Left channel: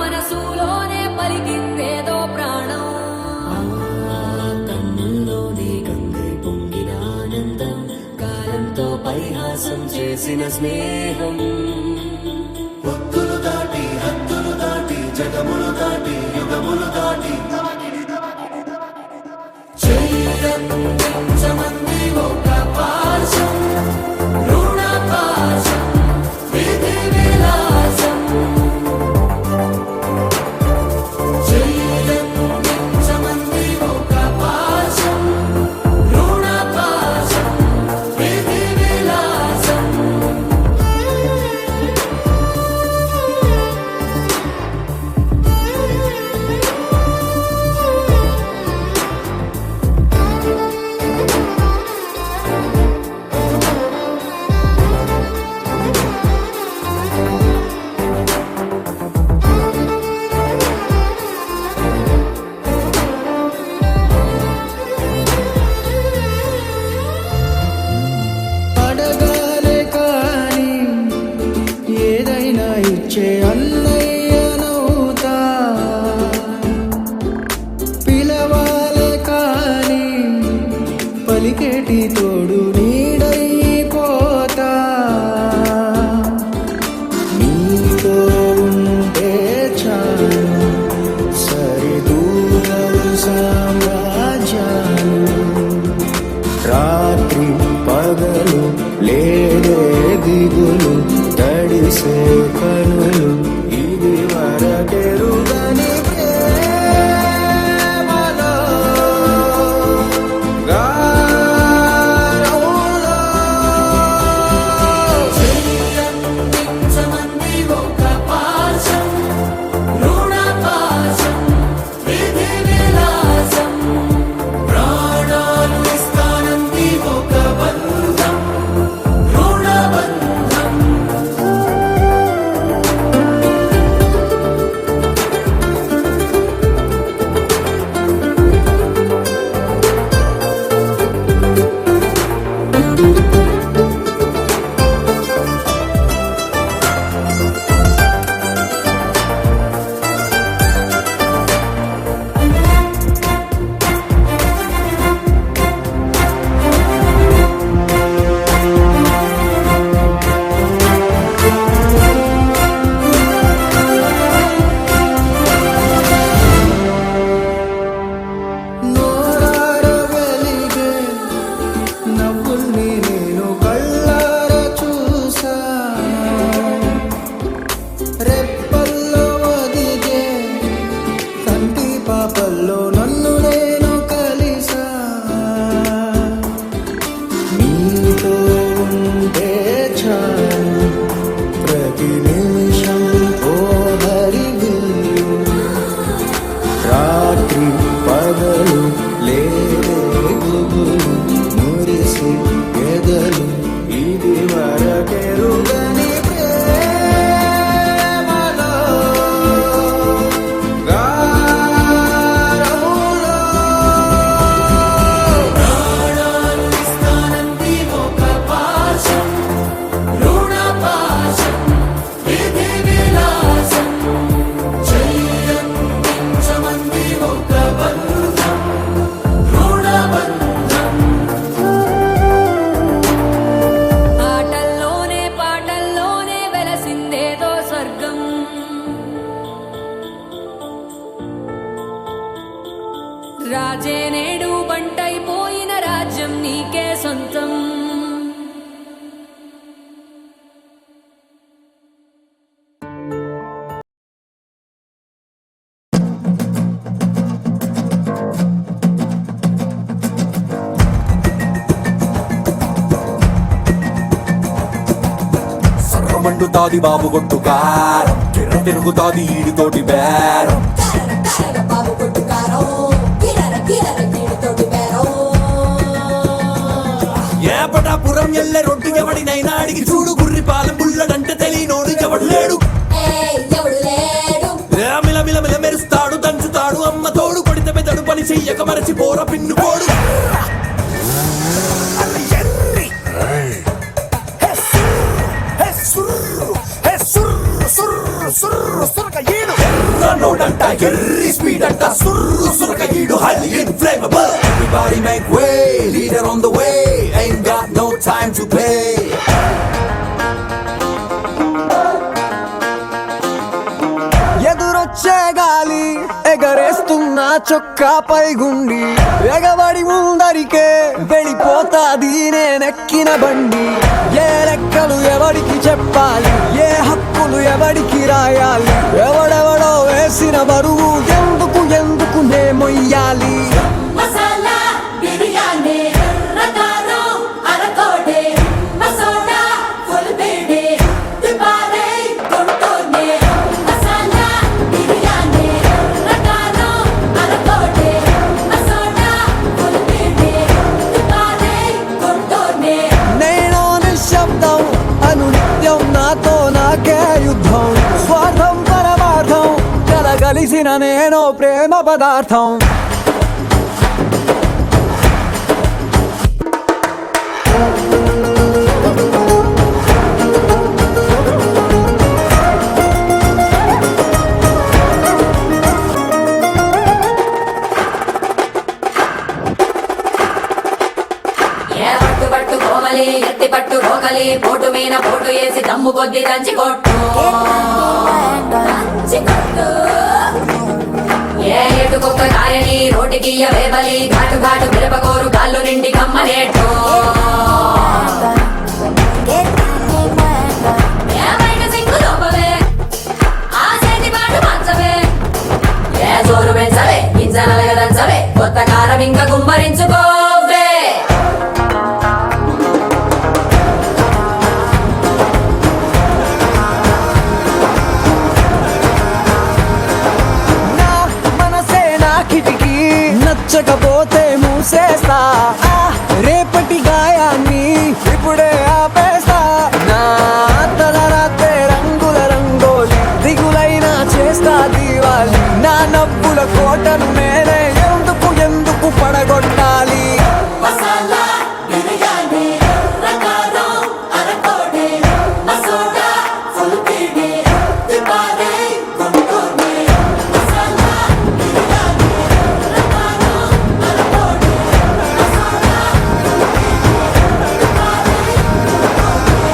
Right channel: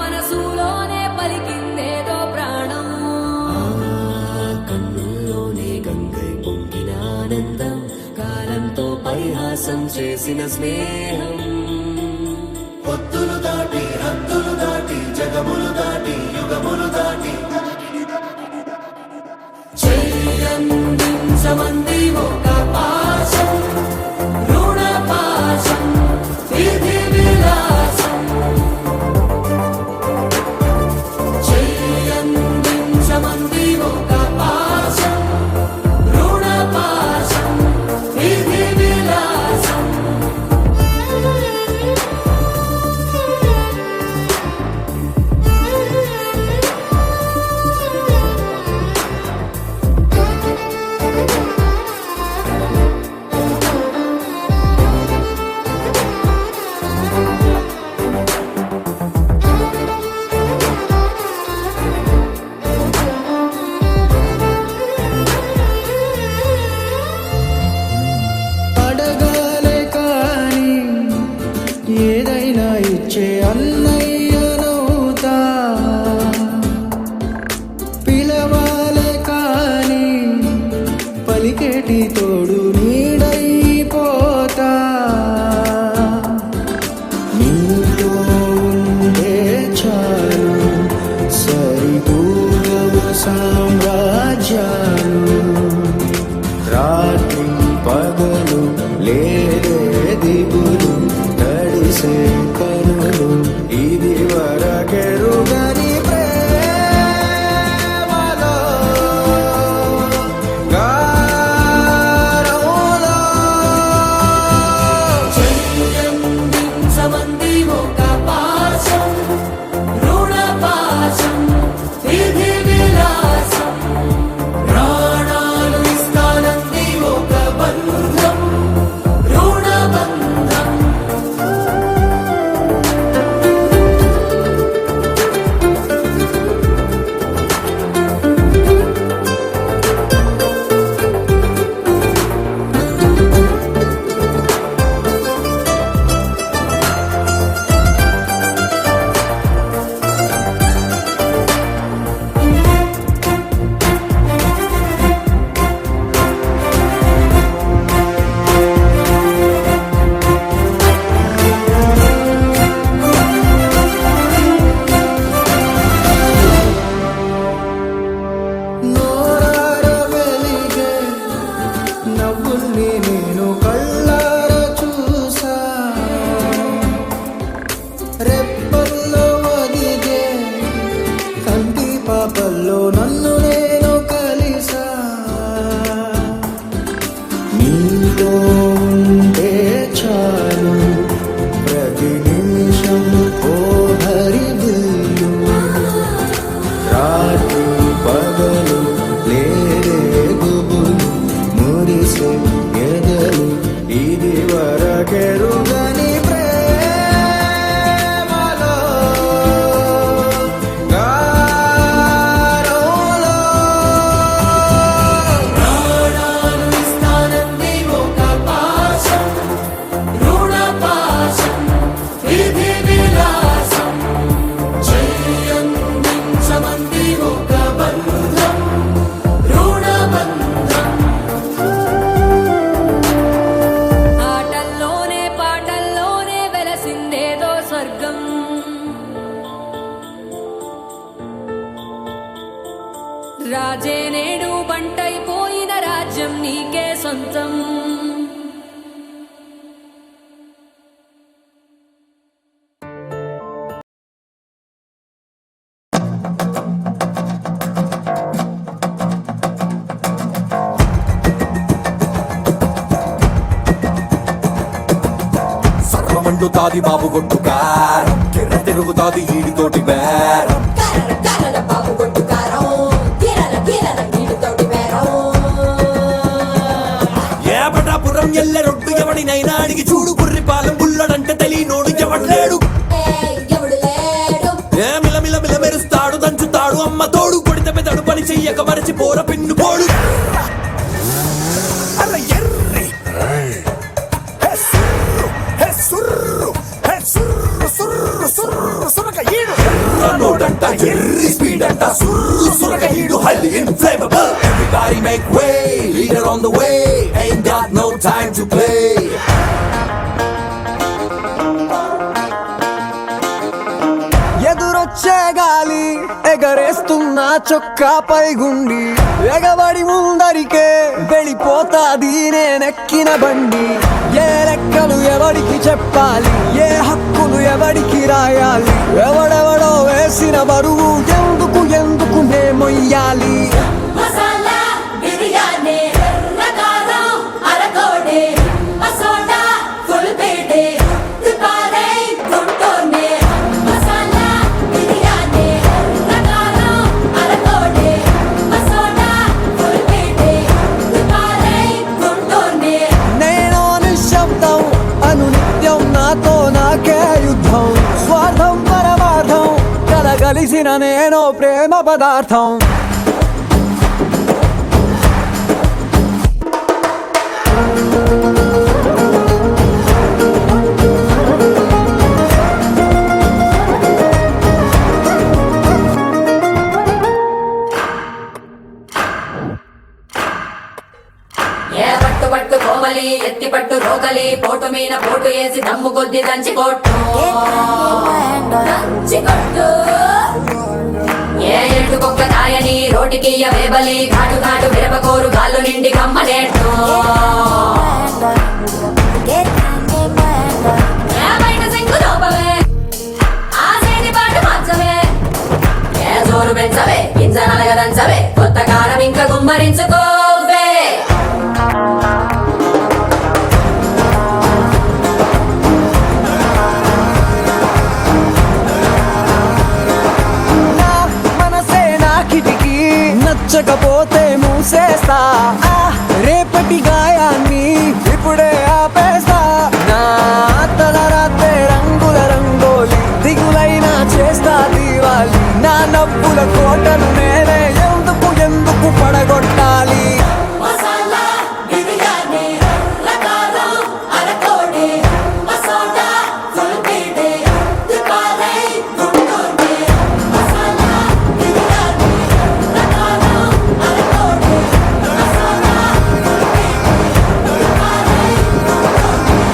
మనసులోనే పలికిందేదో ప్రాణం. కన్నుల్లోనే గంగై పొంగిన ఆనందం, కాలంతో పరిహాసం చేసిన స్నేహం. పొత్తులు దాటి హద్దులు దాటి జగములు దాటి యుగములు దాటి చెయ్యందించమంది ఒక పాశం, రుణ పాశం, విధి విలాసం. చెయ్యందించమంది ఒక పాశం, రుణ పాశం, విధి విలాసం. అడగాలే కాని ఏదైనా ఇచ్చే అన్నయ్యనవుతా, పిలవాలే కాని పలికేటి తోడు నీడైపోతా. నీతో ఉండే చాలు సరిదూగలు సామ్రాజ్యాలు, రాత్రి పగలు లేదే దిగులు, తడిసే కనులు ఇది వరకెరుగని ప్రేమలో గారోలో. చెయ్యందించమంది ఒక పాశం, రుణ పాశం, విధి విలాసం. ప్రాణాలు ఇస్తానంది ఒక బంధం, రుణ బంధం. నోరార వెలిగే నవ్వుల్ని నేను కళ్ళార చూసా, రెప్పల్లో ఒదిగే కంటి పాపల్లో నన్ను నేను కలిసా. నీతో ఉంటే చాలు ప్రతి నిమిషం ఓ హరిగులు, రాత్రి పగలు లేదే గుబులు, మురిసే ఎదలు ఇది వరకెరుగని ప్రేమలో గారోలో. ప్రాణాలు ఇస్తానంది ఒక పాశం, రుణ పాశం, విధి విలాసం. చెయ్యందించమంది ఒక బంధం, రుణ బంధం. ఆటల్లోనే పాటల్లోనే వెలసిందేదో స్వర్గం. రాజే నేడు బంటైపోయిన రాజ్యం నీకే సొంతం. సర్వమండుతాది బాబు గొట్టు కారం, కిర్ర తిరుగుతాది ఈడితోటి బేరం. ఏబటాపురం ఎల్లె రొడ్డు ఎవడినైనా అడిగి చూడు, గుర్రి పాలెం బుల్లడంటే తెలియనోడు ఎవడు లేడు. మిల మిల మిల మెరుస్తాడు దంచుతాడు అమ్మ తోడు, కొడితే పెదడు పని చెయ్యక మరచి పోర పిన్ను పోడు. సుర్రు సుర్రు సుర్రు సుర్రు సుర్రు ఈడు ఎర్రి స్పీడ్ అంట సుర్రు సురక హీడు highly inflammable. Everybody make way, leader on the way, ain't got no time to play. ఎదురొచ్చే గాలి ఎగరేస్తున్న చొక్కాపై గుండి ఎగబడి ముందరికే వెళ్ళిపోతాది నేనెక్కిన బండి. ఏ లెక్కలు ఎవడికి చెప్పాలి, ఏ హక్కులు ఎవడికి రాయాలి, ఎవడెవడో వేసిన బరువు ఎందుకు ఎందుకు నే మొయ్యాలి. మసాలా బిర్యానీ రకారం అరకోడే మసోడా ఫుల్ బేడే దుబారే కొట్టోనే మసాలా బిర్యానీ రకారం అరకోడే మసోడా ఫుల్ బేడే దుబారే కొట్టోనే. నేను నిశ్శబ్దం అనునిత్యం నాతో నాకే యుద్ధం. స్వార్థం పరమార్థం కలగలిసిన నేను ప్రేమ పదార్థం. ఏ పట్టు పట్టు కోవలి ఎత్తి పట్టు రోకలి పోటు మీన పోటు వేసి దమ్ము కొద్ది దంచి కొట్టు దంచి కొట్టు. ఏ ఎటుకొక్క రాయని రోటికి వేబలి ఘాటు ఘాటు మిరపకోరు గాళ్ళు నిండి కమ్మనేట్టు. ఏ బయట సింగు లోపవే ఆ సేని పాటు మంచవే ఏ జోరు పెంచవే గింజ నలగదంచవే కొత్త కారం ఇంకా గుమ్మరించుకోవే. నా మనసే నా కిటికీ నచ్చకపోతే మూసేస్తా. ఆ రేపటి గాయాన్ని ఇప్పుడే ఆపేస్తా. నా తలరాతే రంగుల రంగోలి దిగులైనా చేస్తా దీవాలి. నా నవ్వుల కోటను నేనే ఎందుకు ఎందుకు పడగొట్టాలి. మసాలా బిర్యానీ రకారం అరకోడే మసోడా ఫుల్ బేడే దుబారే కొట్టోనే మసాలా బిర్యానీ రకారం అరకోడే మసోడా ఫుల్ బేడే దుబారే కొట్టోనే.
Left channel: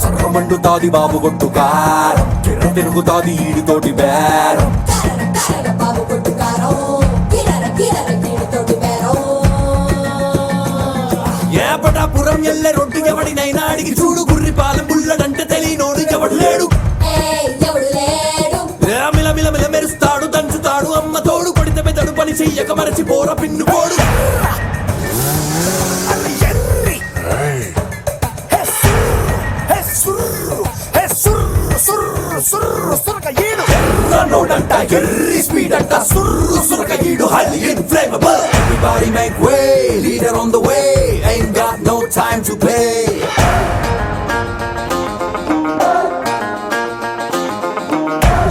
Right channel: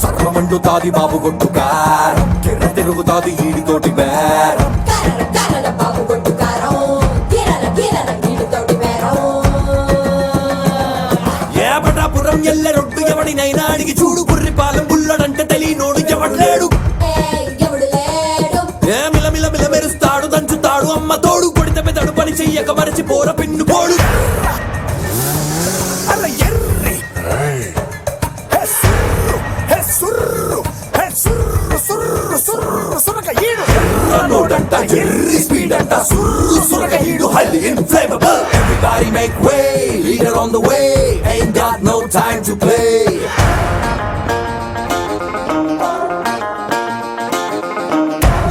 సర్వమండుతాది బాబు గొట్టు కారం కిర్ర తిరుగుతాది ఈడితోటి బేరం. కరల బాబు కొట్టుకారం కిరల కిరల నీటితోటి బేరం. ఏపటాపురం ఎల్లె రొడ్డు ఎవడినైనా అడిగి చూడు గుర్రి పాలెం బుల్లడంటే తెలియనోడు ఎవడు లేడు. ఎవడు లేడు ఏ మిల మిల మిల మెరుస్తాడు దంచుతాడు అమ్మ తోడు కొడితే పెదడు పని చెయ్యక మరచి పోర పిన్ను పోడు. అల ఎర్రి హే సుర్రు హే సుర్రు సుర్రు సుర్రు సురక ఈడు ఎర్ర నోడంట ఎర్రి స్పీడ్ అంట సుర్రు సురక ఈడు highly inflammable. Everybody make way, leader on the way, ain't got no time to play.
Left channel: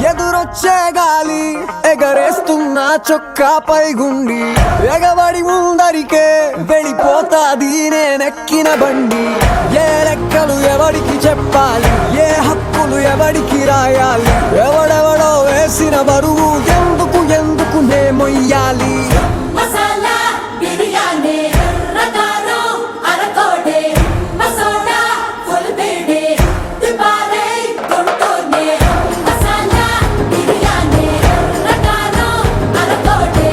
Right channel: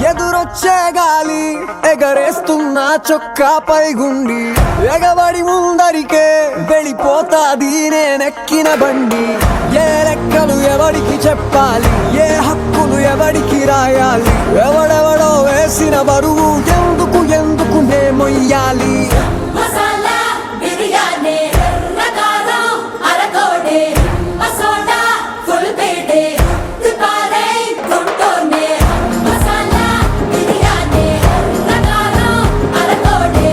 ఎదురొచ్చే గాలి ఎగరేస్తున్న చొక్కాపై గుండి ఎగబడి ముందరికే వెళ్ళిపోతాది నేనెక్కిన బండి. ఏ లెక్కలు ఎవడికి చెప్పాలి, ఏ హక్కులు ఎవడికి రాయాలి, ఎవడెవడో వేసిన బరువు ఎందుకు ఎందుకు నే మొయ్యాలి. మసాలా బిర్యానీ రకారం అరకోడే మసోడా ఫుల్ బేడే దుబారే కొట్టోనే మసాలా బిర్యానీ రకారం అరకోడే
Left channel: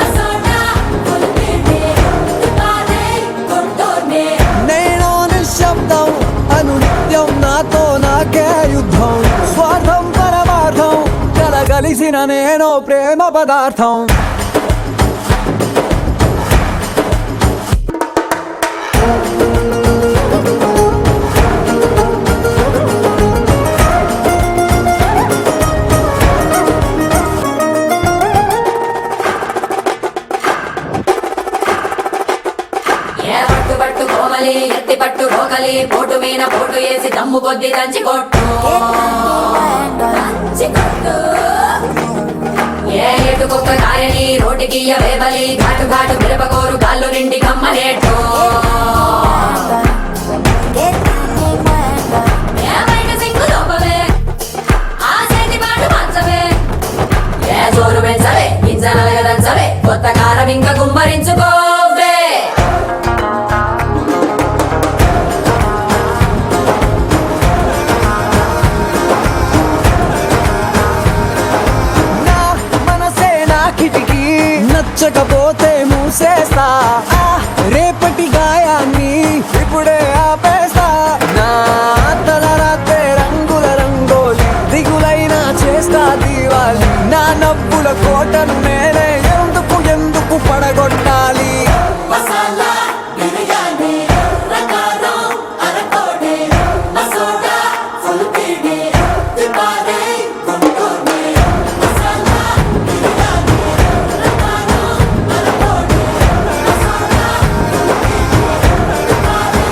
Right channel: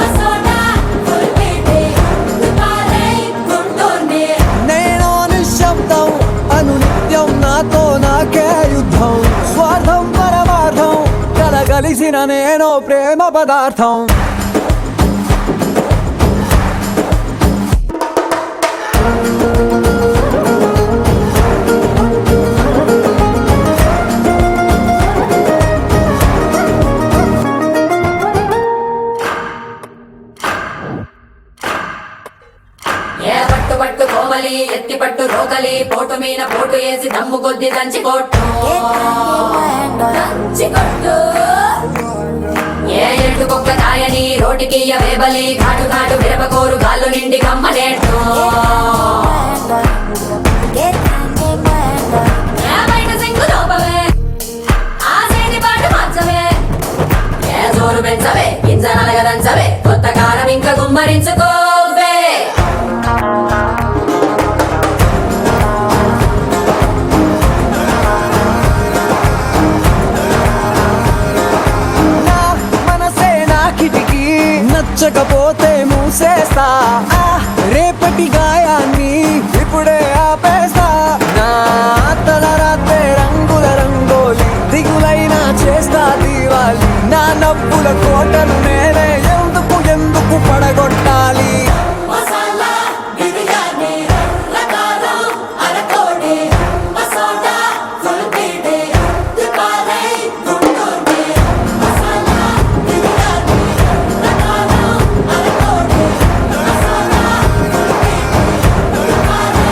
మసోడా ఫుల్ బేడే దుబారే కొట్టోనే. నేను నిశ్శబ్దం అనునిత్యం నాతో నాకే యుద్ధం. స్వార్థం పరమార్థం కలగలిసిన నేను ప్రేమ పదార్థం. ఏ పట్టు పట్టు కోవలి ఎత్తి పట్టు రోకలి పోటు మీన పోటు వేసి దమ్ము కొద్ది దంచి కొట్టు దంచి కొట్టు. ఏ ఎటుకొక్క రాయని రోటికి వేబలి ఘాటు ఘాటు మిరపకోరు గాళ్ళు నిండి కమ్మనేట్టు ఏ బయట సింగు లోపవే ఆ సేని బాటు మంచవే ఏ జోరు పెంచవే గింజ నలగదంచవే కొత్త కారం ఇంకా గుమ్మరించుకోవే నా మనసే నా కిటికీ నచ్చకపోతే మూసేస్తా ఆ రేపటి గాయాన్ని ఇప్పుడే ఆపేస్తా నా తలరాతే రంగుల రంగోలి దిగులైనా చేస్తా దీవాలి నా నవ్వుల కోటను నేనే ఎందుకు ఎందుకు పడగొట్టాలి మసాలా బిర్యానీ రకారం అరకోడి మసోడా ఫుల్ పీడి దిపారే గుంటూరు మసాలా బిర్యానీ రకారం అరకోడి మసాలా ఫుల్ పీడి దిపారే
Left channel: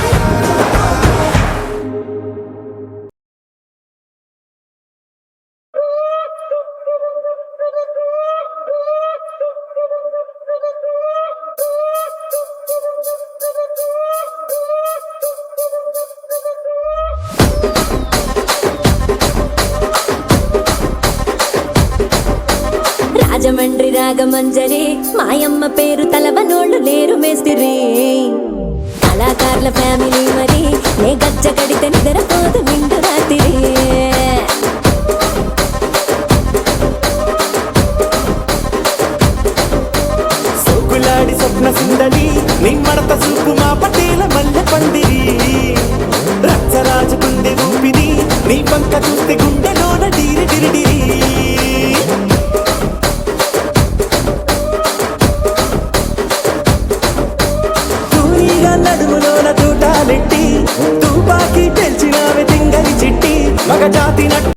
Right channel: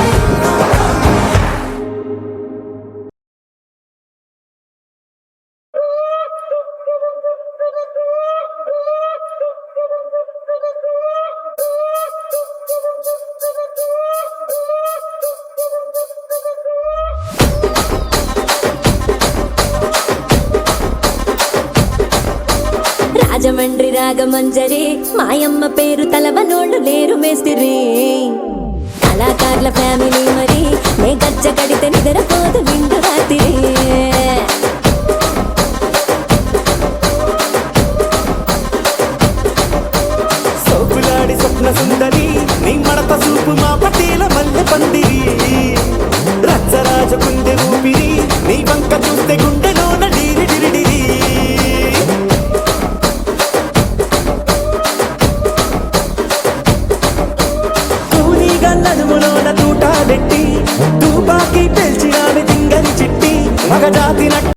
రాజమండ్రి రాగమంజరి మాయమ్మ పేరు తలవనోళ్ళు లేరు మేస్తిరి కళాకారుల ఫ్యామిలీ మరి నే గజ్జ కడితే నిద్రపోదు నిండు రాత్రి సోకులాడి స్వప్న సుందరి నీ మడత సూపు మా పటేల మల్లె పందిరి రచ్చరాజ పందె ఊపిరి నీ వంక చూస్తే గుండెలోన డీరి డిరిడిరి తూనీగా నడుములోన తూట పెట్టి తుపాకీ పెంచి ఆమె తింగని చిట్టి మగజాతి